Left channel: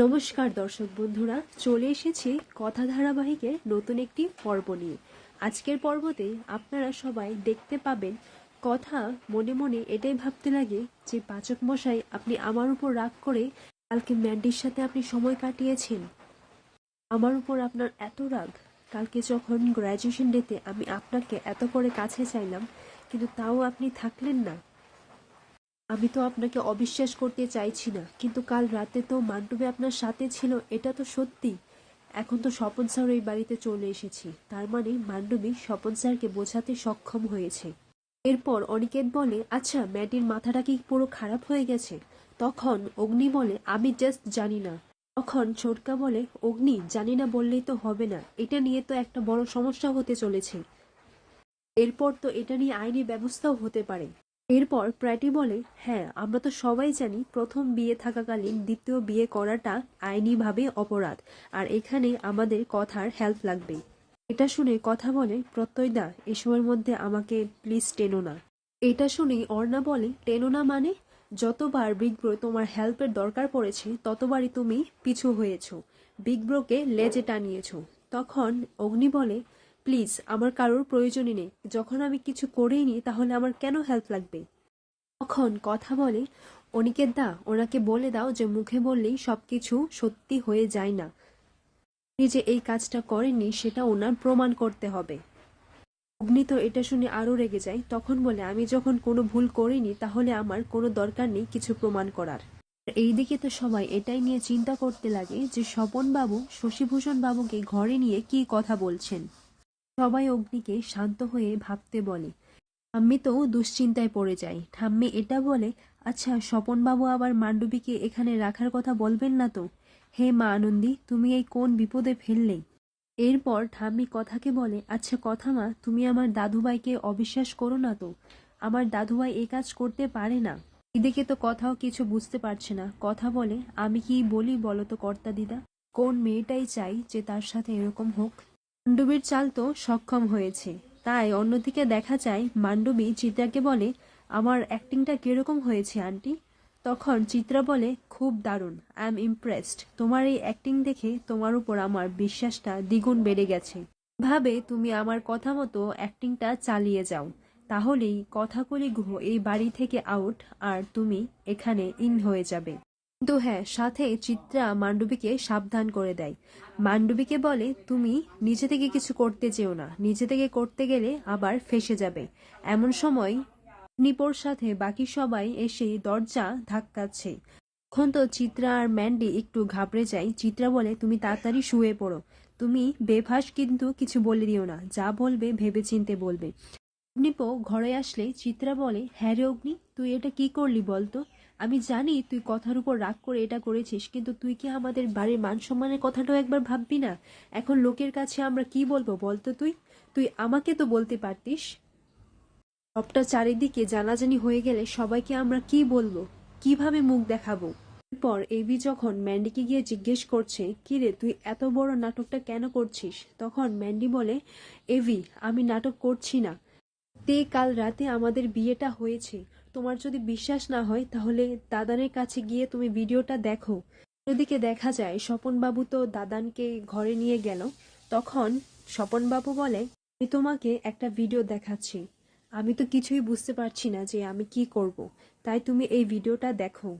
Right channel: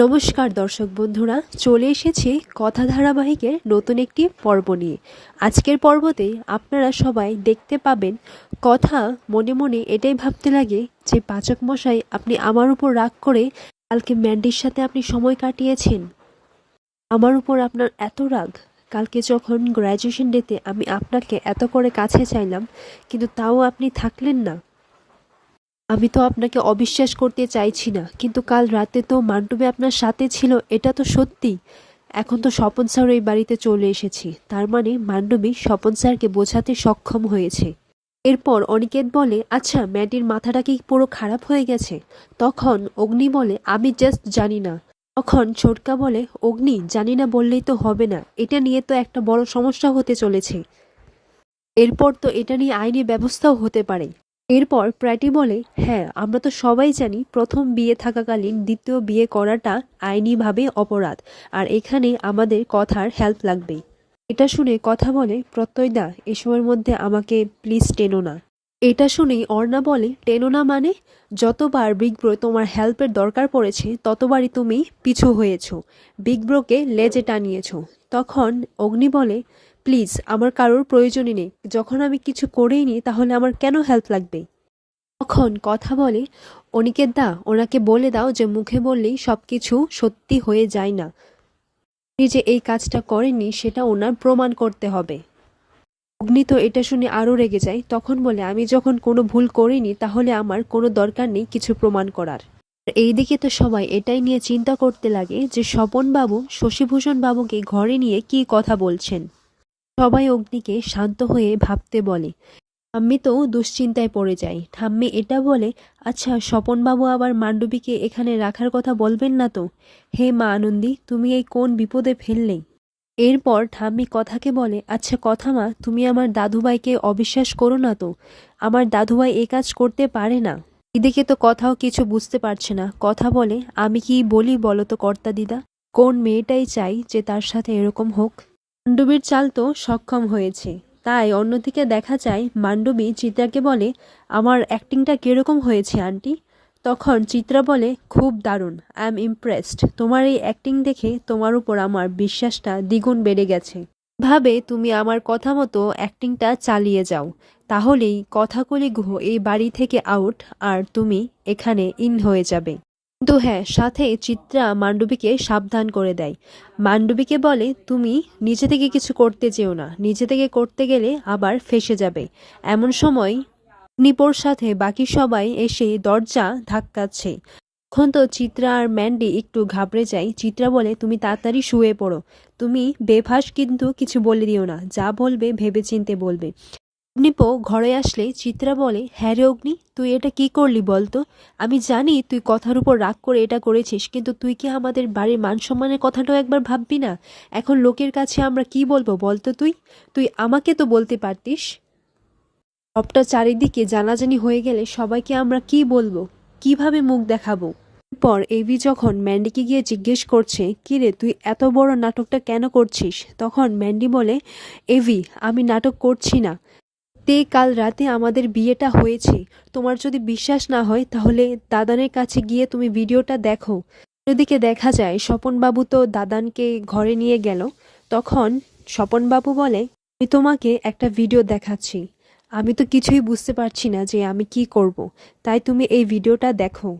নমস্কার দর্শক বন্ধুরা, চলে এসেছি কথা ধারাবাহিকের নতুন একটি পর্ব নিয়ে। আজকের পর্বতে আপনারা সবাই দেখতে পাবেন কথা মনে মনে এটাই ভাবতে লাগে যে পাচক মশাই, আপনি আমার উপর রাগ করে কালকে ম্যান্ডির সাথে আপনি সময় কাটিয়েছেন। আমার উপর আপনার এত রাগ। কালকে যখন গ্র্যাজুয়েশন ডেতে আমি আপনাকে এত করে কাছে চাইলাম, কিন্তু তাও আপনি থাকলেন না। আমি তো আপনাকে অবিশ্বাস করতে চাইছি না, কিন্তু কাল রাতে তো মান্টুবে আপনার সাথে ছিল, এটা তো সত্যি। এখন তো স্বপন স্যার এই বাড়িতে চলে এসেছি, তার মানে মান্ডবী স্বপন স্যারকে বোঝাতে সক্ষম হয়েছে। এরপর অনিকেত বলে, আচ্ছা ম্যাডির মাথাটা কি পুরো খারাপ হয়ে গেছে? তখন অগ্নি বলে, আমি জাস্ট জানি না। তখন ছোটকা বলে, অগ্নি জানি না বললেই তো হবে না, এটা নিয়ে তো একটা বড় সমস্যা হতে চলেছে। এরপর তো এটা নিয়ে আইনি ব্যবস্থাও হতে পারে। এরপর প্র্যাটি বলে, হ্যাঁ আমরা তো সবাই জানি প্রথম বিয়ে থাকাকালীন দ্বিতীয় বিয়ে করাটা আইনিভাবে অপরাধ, আর এখানে আমাদের কথার হেল্প লাগবে। এটা শুনে কথা বলে, প্রত্যয়দা এসবের মধ্যে আমাকে প্লিজ টেনো না। এটা শুনেই অর্ণা বলে, টেনো না মানে? যতবার বিগ ব্রো তোমার হেল্পের দরকার পড়েছে ততবারই তুমি পিছু হয়েছো, বিগ ব্রোকে লেজে টানিয়েছো। তখন অগ্নি বলে, প্লিজ আমার কারোর প্রয়োজনই নেই, যখন আমি কিছু করেই নি তাহলে আমার কেন হেল্প লাগবে? তখন কথা বলে, অনিকেত দা ওনাকে বলে দাও যে মুখে বললেই সব কিছু সত্যি হয়ে যায় না, উনি যে এই কাজটা করেননি সেটা ওনার প্রমাণ করতে হবে। অগ্নি তো এটা শুনে আরও রেগে যায়, তখন বলে, আমি যখন কোনো ভুল করিনি তাহলে আমার কোনো দরকার নেই কিছু প্রমাণ করার। আর এইদিকে তো সবাই এটাই নিয়ে চিন্তা করতে লাগে যে স্বপন বাবু শশীভূষণ বাবুকে ঘরে নিয়ে কি কথা বলছেন। সবাই অগ্নিকে শান্ত হয়ে ভাবতে বলে। ঠাম্মি তো দুশ্চিন্তায় পড়ে যায়। ঠাম্মি এটা বলে, আচ্ছা স্বপনবাবু আবার মান্ডবীকে এখানে রাখার কথা বলবেন না তো? হে মা আনন্দী, তুমি এই কোন বিপদে ফেললে? এরপর ঠাম্মি কথাকে বলে, আচ্ছা কথা মা, তুমি আমার দাদুভাইকে অবিশ্বাস করো না তো, আমার দাদুভাই এ কাজ করতে পারে না। এদিকে তো কথাও কিছু বুঝতে পারছে না। কথা বলে, আমি কি বলি বলো তো কর্তা দিদা, কোন মেয়েটাই চাই যে তার সাথে এরকম হোক? মান্ডবীর চাল তো সক্ষম হয়েছে, তাই অন্যদিকে দেখা যায় মান্ডবী চিত্রাকে বলে, আমার অ্যাক্টিংটা কিরকম হয়েছে আন্টি? তখন চিত্রা বলে, খুব দারুণ, আই এম ইমপ্রেসড, তোমার এই অ্যাক্টিং দেখে তোমার উপর আমার বিশ্বাসটা দ্বিগুণ বেড়ে গেছে। ভাবে তুমি আমার কথা মতো অ্যাক্টিংটা চালিয়ে যাও, তাহলেই কথাকলি গুহ এই বাড়ি থেকে আউট, আর তুমি এখানে ইন হয়ে যাবে। কিন্তু হ্যাঁ, সাথে চিত্রা মান্ডবীকে সাবধান করে দেয়। মান্ডবীকে বলে, তুমি নিজে থেকে কিছু করতে চেও না, নিজে থেকে করতে গেলে আবার ফেঁসে যাবে। এমন সময় নিপোর সাথে বাকি সবাই এসে দরজা ধাক্কাচ্ছে। তখন তো চিত্রা আর ম্যান্ডি একটু ঘাবড়ে যায়। চিত্রা বলে, তুমি তাড়াতাড়ি শুয়ে পড়ো, তুমি বেফাস কিন্তু কিছু বলে দিও না, যা বলবে ভেবেচিন্তে বলবে। অগ্নিপো ঘরে আসলে চিত্রা বলে, হ্যাঁ রে অগ্নি, তুই এটা কি করলি বলতো? আমি জানি তুই কথার উপর রাগ করে এটা করেছিস, কিন্তু তুই কি আমাদের বাড়ির মান সম্মানের কথাটাও একবার ভাববি না? এখন লোকের কাছে আমরা কি বলবো বলতো? তুই তুই আমাকে তো বলতে পারতিস। সবটা চারিদিকে জানাজানি হয়ে গেলে সবাইকে আমরা কি বলবো, কিভাবে মুখ দেখাবো? এরপর এভি যখন ম্যান্ডিকে গিয়ে জিজ্ঞেস করছে, কিরে তুই এত বড় নাটকটা কেন করছিস? তখন ম্যান্ডি বলে, এভি আমি নাটক করছি না, কাল রাতে আমাদের বিয়েটা হয়েছে। তোমার যদি বিশ্বাস না হয় তাহলে দাদানের কাছে গিয়ে তুমি ভিডিওটা দেখো। অন্যদিকে দেখা যায় স্বপনবাবু তো দাদানকে ঘরে নিয়ে গেল। তখন স্বপনবাবু বলে, আমি তোমাকে একটা ভিডিও দেখাচ্ছি, আমি তো কিছুই বুঝতে পারছি না যে আমি কি করব, তাই তুমি এই ভিডিওটা দেখো।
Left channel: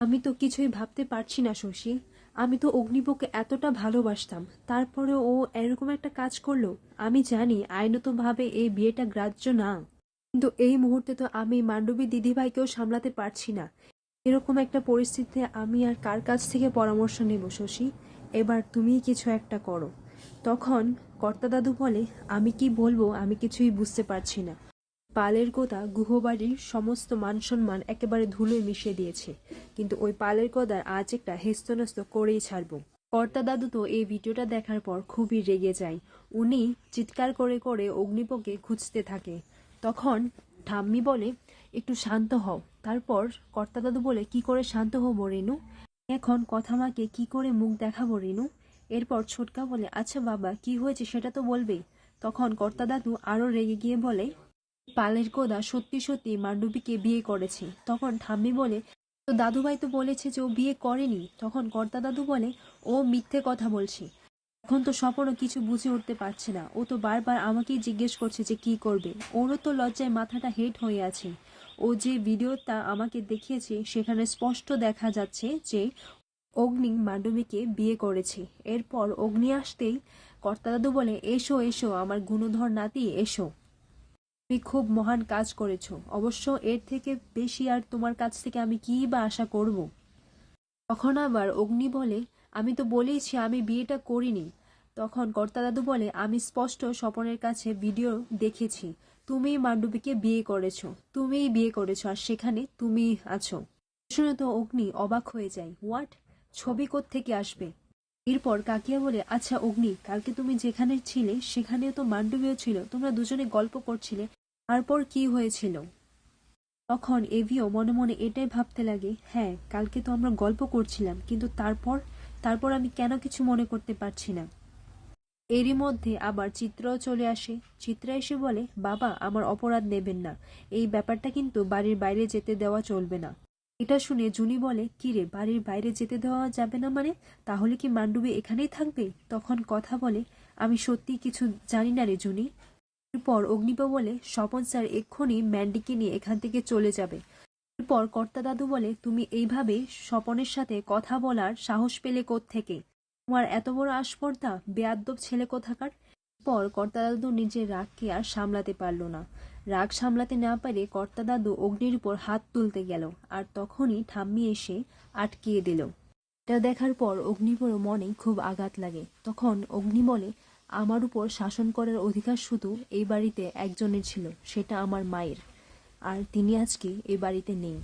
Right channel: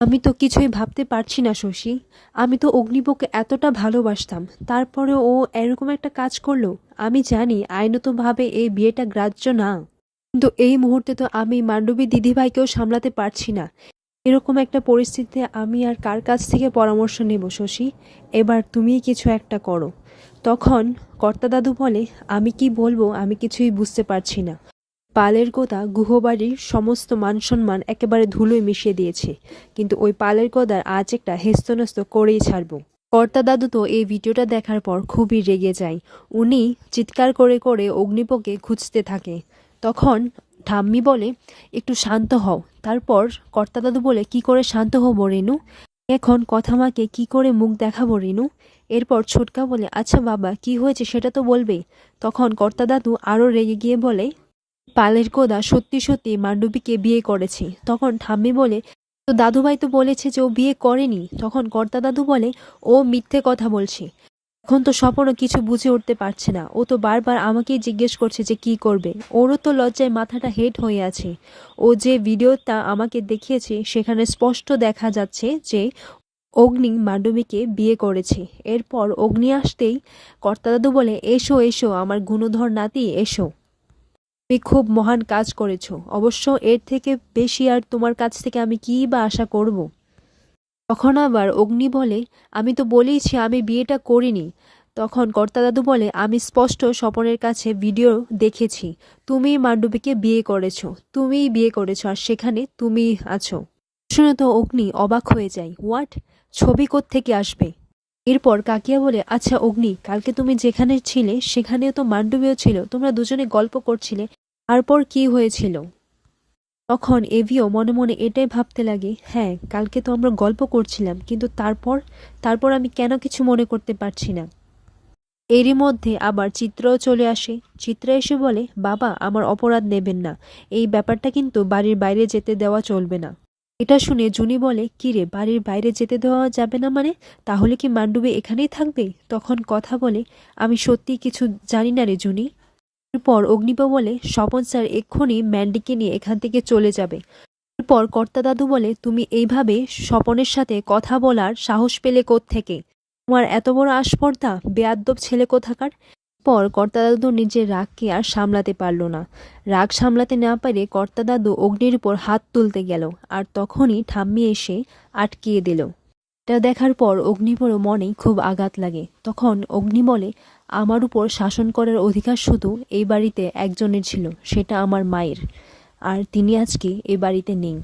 আমি তো কিছুই ভাবতে পারছি না শশী, আমি তো অগ্নিপকে এতটা ভালোবাসতাম, তারপরে ও এরকম একটা কাজ করলো। আমি জানি আইনতভাবে এই বিয়েটা গ্রাহ্য না, কিন্তু এই মুহূর্তে তো আমি মান্ডবী দিদিভাইকেও সামলাতে পারছি না। এরকম একটা পরিস্থিতিতে আমি আর কার কাছ থেকে পরামর্শ নেব শশী? এবার তুমিই কিছু একটা করো। তখন কর্তা দাদু বলে, আমি কি বলবো আমি কিছুই বুঝতে পারছি না। পালের গোদা গুহবাড়ির সমস্ত মানসম্মান একেবারে ধুলোয় মিশিয়ে দিয়েছে, কিন্তু ওই পালের গোদার আজ একটা হেস্তনেস্ত করেই ছাড়ব। কর্তা দাদু তো এই ভিডিওটা দেখার পর খুবই রেগে যায়। উনি চিৎকার করে করে অগ্নিপকে খুঁজতে থাকে। তখন ঠাম্মি বলে, একটু শান্ত হও। তারপর কর্তা দাদু বলে, কি করে শান্ত হব রেনু? এখন কথা মাকে কি করে মুখ দেখাবো রেনু? এরপর ছোটকা বলে, আচ্ছা বাবা কি হয়েছে সেটা তো বলবে। তখন কর্তা দাদু আরও রেগে গিয়ে বলে, পালের গোদা সত্যি সত্যি মান্ডবীকে বিয়ে করেছে। তখন ঠাম্মি বলে, তো দাদুভাই তো বলেছে যে ও বিয়ে করেনি। তখন কর্তা দাদু বলে ও মিথ্যে কথা বলছে। এখন তো স্বপনও কিছু বুঝে উঠতে পারছে না, ও তো বারবার আমাকেই জিজ্ঞেস করছে যে কি করবে। ওরও তো লজ্জায় মাথাটা হেট হয়ে আছে। ও যে ভিডিওটা আমাকে দেখিয়েছে সেখানে স্পষ্ট দেখা যাচ্ছে যে অগ্নি মান্ডবীকে বিয়ে করেছে। এরপর অগ্নি আসতেই কর্তা দাদু বলে এসো এসো আমার গুণধর নাতি এসো, তুমি খুব মহান কাজ করেছো। অবশ্য এর থেকে বেশি আর তোমার কাছ থেকে আমি কী বা আশা করব। তখন আবার অগ্নি বলে আমি তো বলেইছি আমি বিয়েটা করিনি। তখন কর্তা দাদু বলে আমি স্পষ্ট স্বপনের কাছে ভিডিও দেখেছি, তুমিই মান্ডবীকে বিয়ে করেছো, তুমিই বিয়ে করেছো, আর সেখানে তুমিই আছো। শুনে তো অগ্নি অবাক হয়ে যায়, হোয়াট, ছবি কোত্থেকে আসবে? এরপর কাকিয়া বলে আচ্ছা অগ্নি, কালকে তুমি যেখানে ছিলে সেখানেও তো মান্ডবীও ছিল, তোমরা দুজনে গল্প করছিলে, তারপর কি হয়েছিল? তখন এভিও মনে মনে এটাই ভাবতে লাগে, হ্যাঁ কালকে তো আমরা গল্প করছিলাম, কিন্তু তারপর তারপর আমি কেন কিছু মনে করতে পারছি না। এরই মধ্যে আবার চিত্রও চলে আসে। চিত্রা এসে বলে বাবা আমার অপরাধ নেবেন না, এই ব্যাপারটা কিন্তু বাড়ির বাইরে যেতে দেওয়া চলবে না। এটা শুনে জুনি বলে কি রে, বাড়ির বাইরে যেতে দেওয়া যাবে না মানে? তাহলে কি মান্ডবী এখানেই থাকবে? তখন কথা বলে আমি সত্যি কিছু জানি না রে জুনি। এরপর অগ্নিপা বলে স্বপন স্যার এক্ষুনি ম্যান্ডিকে নিয়ে এখান থেকে চলে যাবে। এরপর কর্তা দাদু বলে তুমি এইভাবে স্বপনের সাথে কথা বলার সাহস পেলে থেকে? তোমার এত বড় আস্পর্ধা, বেয়াদ্দব ছেলে কোথাকার। পর কর্তা দাদু নিজের রাগকে আর সামলাতে পারল না। রাগ সামলাতে না পারে কর্তা দাদু অগ্নির উপর হাত তুলতে গেল, আর তখনই ঠাম্মি এসে আটকিয়ে দিল। এটা দেখার পর অগ্নিপর মনেই খুব আঘাত লাগে। তখন অগ্নি বলে আমার উপর শাসন করার অধিকার শুধু এই বাড়িতে একজনের ছিল, সেটা আমার মায়ের, আর তিনি আজকে এই বাড়িতে নেই।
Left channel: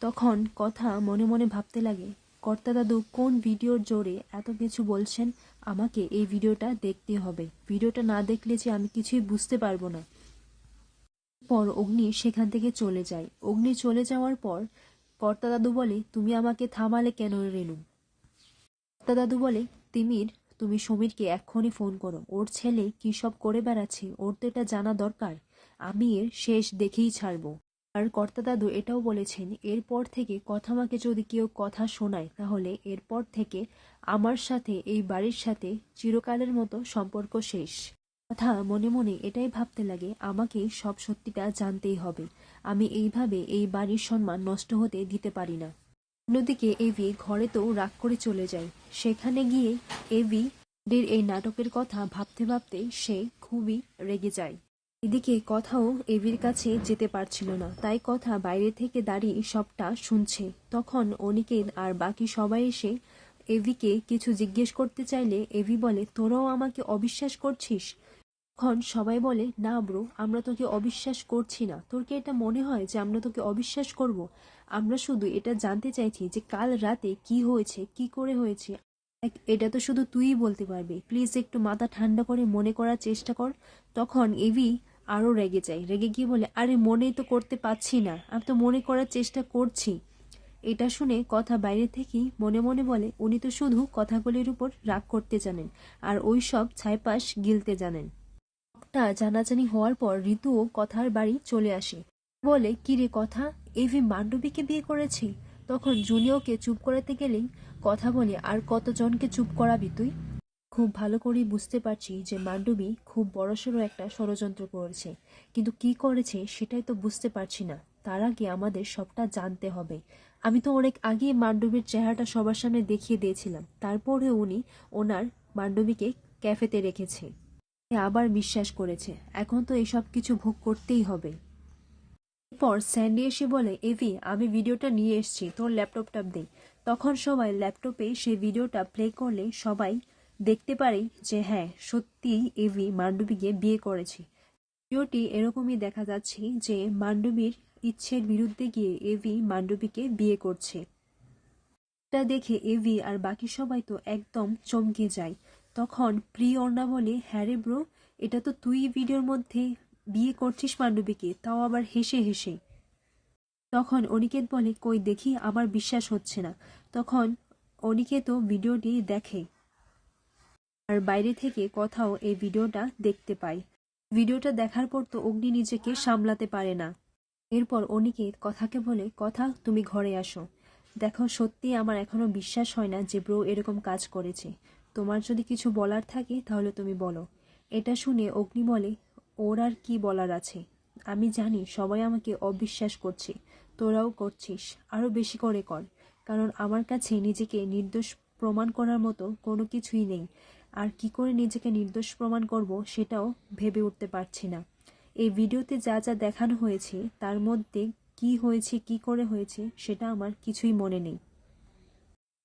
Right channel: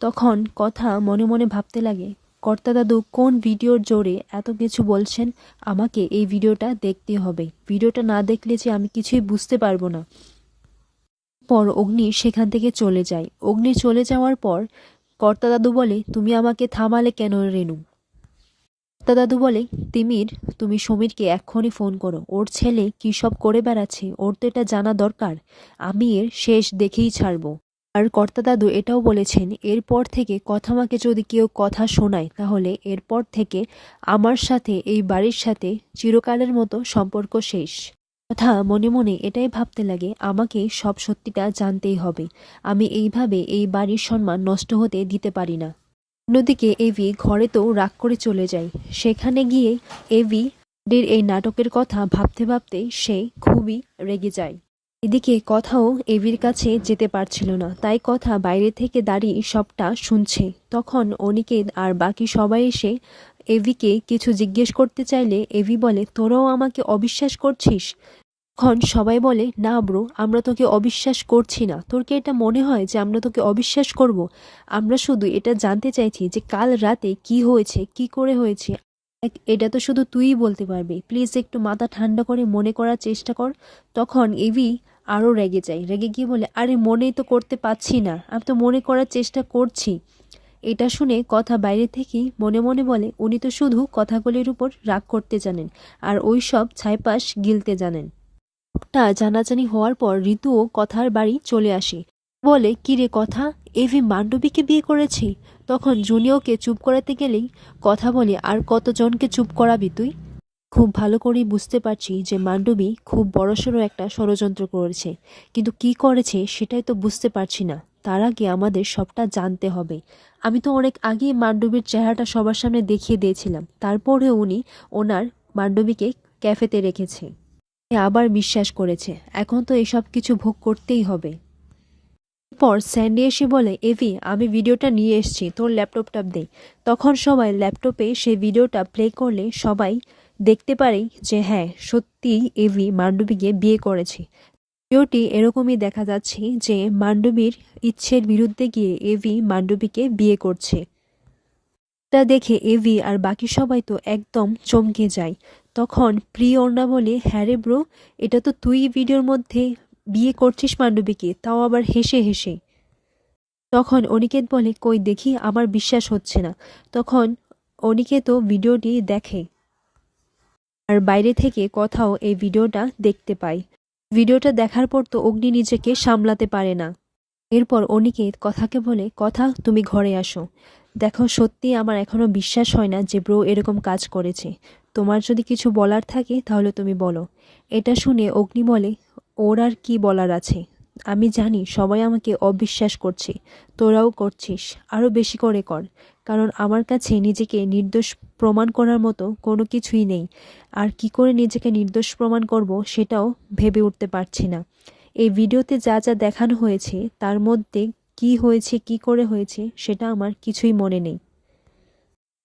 তখন কথা মনে মনে ভাবতে লাগে কর্তা দাদু কোন ভিডিওর জোরে এত কিছু বলছেন, আমাকে এই ভিডিওটা দেখতে হবে, ভিডিওটা না দেখলে যে আমি কিছুই বুঝতে পারবো না। পর অগ্নি সেখান থেকে চলে যায়। অগ্নি চলে যাওয়ার পর কর্তা দাদু বলে তুমি আমাকে থামালে কেন রেনু? কর্তা দাদু বলে তিমির, তুমি সমীরকে এক্ষুনি ফোন করো, ওর ছেলে কী সব করে বেড়াচ্ছে ওর তো এটা জানা দরকার, আমি এর শেষ দেখেই ছাড়বো। আর কর্তা দাদু এটাও বলেছেন এরপর থেকে কথামাকে যদি কেউ কথা শোনায় তাহলে এরপর থেকে আমার সাথে এই বাড়ির সাথে চিরকালের মতো সম্পর্ক শেষ। কথা মনে মনে এটাই ভাবতে লাগে আমাকে সব সত্যিটা জানতেই হবে, আমি এইভাবে এই বাড়ির সম্মান নষ্ট হতে দিতে পারি না। অন্যদিকে এভি ঘরে তো রাগ করে চলে যায়। সেখানে গিয়ে এভি এই নাটকের কথা ভাবতে ভাবতে সে খুবই রেগে যায়। এদিকে কথাও এভির কাছে যেতে পারছিল না, তাই কথা বাইরে থেকে দাঁড়িয়ে সবটা শুনছে। তখন অনিকেত আর বাকি সবাই এসে এভিকে কিছু জিজ্ঞেস করতে চাইলে এভি বলে তোরাও আমাকে অবিশ্বাস করছিস? তখন সবাই বলে না ব্রো, আমরা তোকে অবিশ্বাস করছি না, তোর কি এটা মনে হয় যে আমরা তোকে অবিশ্বাস করব? আমরা শুধু এটা জানতে চাইছি যে কাল রাতে কি হয়েছে, কি করে হয়েছে, এটা তো শুধু তুইই বলতে পারবি, প্লিজ একটু মাথা ঠান্ডা করে মনে করার চেষ্টা কর। তখন এভি আরও রেগে যায়, রেগে গিয়ে বলে আরে মনেই তো করতে পারছি না, আমি তো মনে করার চেষ্টা করছি। এটা শুনে কথা বাইরে থেকেই মনে মনে বলে উনি তো শুধু কথাগুলির উপর রাগ করতে জানেন, আর ওই সব ছাইপাশ গিলতে জানেন। টা জানাজানি হওয়ার পর ঋতুও কথার বাড়ি চলে আসে। বলে কি রে কথা, এভি মান্ডবীকে বিয়ে করেছি? তখন জুনিয়রকে চুপ করাতে গেলেই কথা বলে আর কতজনকে চুপ করাবি তুই? খুব ভালো করেই বুঝতে পারছি যে মান্ডবী খুব বড়সড় একটা ষড়যন্ত্র করেছে, কিন্তু কি করেছে সেটাই তো বুঝতে পারছি না। তার আগে আমাদের সবটা জানতে হবে। আমি তো অনেক আগেই মান্ডবীর চেহারাটা সবার সামনে দেখিয়ে দিয়েছিলাম, তারপরেও উনি ওনার মান্ডবীকে ক্যাফেতে রেখেছে, আবার বিশ্বাস করেছে, এখন তো এসব কিছু ভোগ করতেই হবে। পর স্যান্ডি এসে বলে এভি আমি ভিডিওটা নিয়ে এসেছি, তোর ল্যাপটপটা দে। তখন সবাই ল্যাপটপে সেই ভিডিওটা প্লে করলে সবাই দেখতে পারে যে হ্যাঁ সত্যিই এভি মান্ডবীকে বিয়ে করেছে। ভিডিওটি এরকমই দেখা যাচ্ছে যে মান্ডবীর ইচ্ছের বিরুদ্ধে গিয়ে এভি মান্ডবীকে বিয়ে করছে। তা দেখে এভি আর বাকি সবাই তো একদম চমকে যায়। তখন প্রিয়র্ণা বলে হ্যাঁ রে ব্রো, এটা তো তুই ভিডিওর মধ্যে বিয়ে করছিস মান্ডবীকে, তাও আবার হেসে হেসে। তখন অনিকেত বলে কই দেখি, আমার বিশ্বাস হচ্ছে না। তখন অনিকেতও ভিডিওটি দেখে, আর বাইরে থেকে কোথাও এই ভিডিওটা দেখতে পায়। ভিডিওটা দেখার পর তো অগ্নি নিজেকে সামলাতে পারে না। এরপর অনিকেত কথাকে বলে, কথা তুমি ঘরে আসো। দেখো সত্যি আমার এখনো বিশ্বাস হয় না যে ব্রো এরকম কাজ করেছে। তোমার যদি কিছু বলার থাকে তাহলে তুমি বলো। এটা শুনে অগ্নি বলে, ওর আর কি বলার আছে, আমি জানি সবাই আমাকে অবিশ্বাস করছে, তোরাও করছিস, আরও বেশি করে কর, কারণ আমার কাছে নিজেকে নির্দোষ প্রমাণ করার মতো কোনো কিছুই নেই। আর কি করে নিজেকে নির্দোষ প্রমাণ করব সেটাও ভেবে উঠতে পারছি না। এই ভিডিওতে যা যা দেখানো হয়েছে তার মধ্যে কি হয়েছে, কি করে হয়েছে সেটা আমার কিছুই মনে নেই।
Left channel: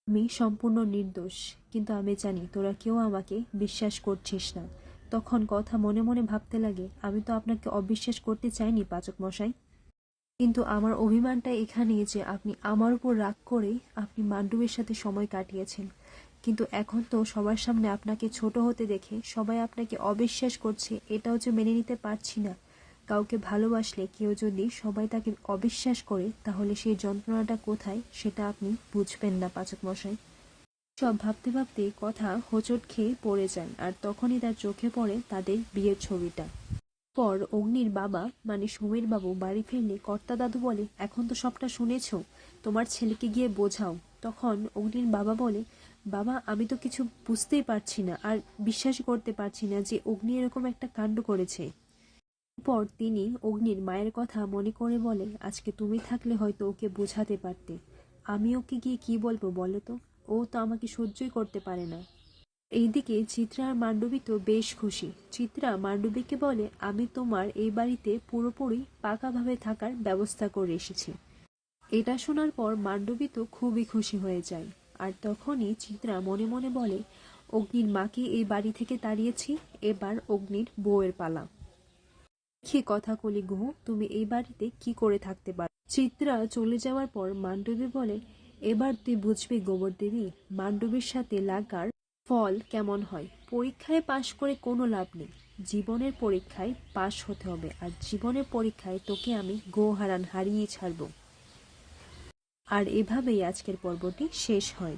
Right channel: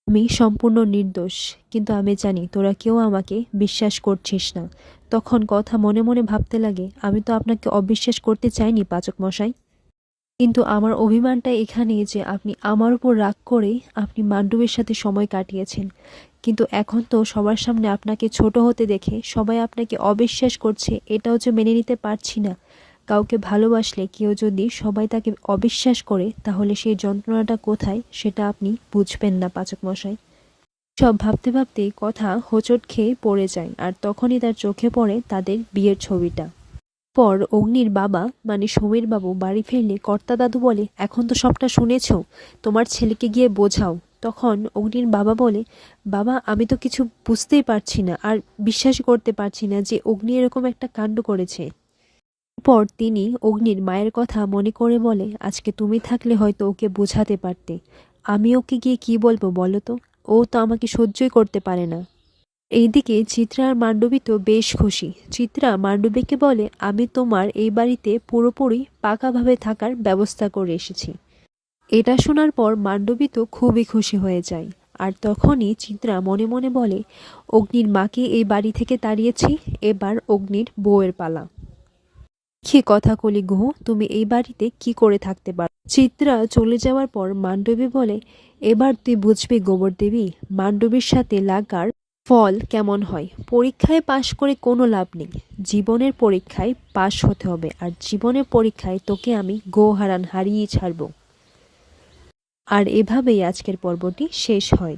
আমি সম্পূর্ণ নির্দোষ, কিন্তু আমি জানি তোরা কেউ আমাকে বিশ্বাস করছিস না। তখন কথা মনে মনে ভাবতে লাগে, আমি তো আপনাকে অবিশ্বাস করতে চাইনি পাচক মশাই, কিন্তু আমার অভিমানটা এখানেই যে আপনি আমার উপর রাগ করে আপনি মান্ডবের সাথে সময় কাটিয়েছেন, কিন্তু এখন তো সবার সামনে আপনাকে ছোট হতে দেখে সবাই আপনাকে অবিশ্বাস করছে, এটাও যে মেনে নিতে পারছি না। কাউকে ভালোবাসলে কেউ যদি সবাই তাকে অবিশ্বাস করে তাহলে সেই যন্ত্রণাটা কোথায় সেটা আপনি বুঝবেন না পাচক মশাই। সব ভাবতে ভাবতে কথা হোঁচট খেয়ে পড়ে যায়, আর তখনই তার চোখে পড়ে তাদের বিয়ের ছবিটা। পর অগ্নির বাবা মানে সমীর বাবু বাড়ি ফিরলে কর্তা দাদু বলে, এখন তো সবটা শুনেছ, তোমার ছেলেকে গিয়ে বোঝাও। তখন অগ্নির বাবা বলে, বাবা আমি তো কিছু বুঝতেই পারছি না, আর বিশ্বাসই করতে পারছি না যে অগ্নি এরকম একটা কাণ্ড করেছে। পর তিনি অগ্নির মায়ের কথা মনে করে বলে, আজকে তুমি থাকলে হয়তো ওকে বোঝাতে পারতে, আমি ওকে গিয়ে কি বলবো বলো তো, ও তো আমাকে সহ্যই করতে পারে না। এইদিকে চিত্রা আর মান্ডবী তো বেশ খুশি। চিত্রা মান্ডবীকে বলে, আমি তোমার এই বাড়িতে পুরোপুরি পাকাভাবে থাকার ব্যবস্থা করে এসেছি। এটা শোনার পর মান্ডবী তো খুবই খুশি হয়ে যায়। আর তখনই চিত্রা মনে মনে বলে, অগ্নির মাকে এই বাড়ি থেকে তাড়িয়েছি, এবার অগ্নির বউয়ের পালা। কি কথা কলি গুহ, তুমি এই বাড়িতে কি করে থাকতে পারো? চিত্রা চলে যাওয়ার পর মান্ডবী বলে, এবার তুই বুঝবি গোবর দেবী, মান্ডবীর সাথে লাগার ফল কেমন হয়। পরীক্ষায় পাশ করে কোনো লাভ নেই, জীবনের পরীক্ষায় পাশ হতে হবে, আর জীবনের পরীক্ষায় তোকে আমি হারিয়েই ছাড়ব। আর এভাবেই আজকের পর্বটি শেষ হয়।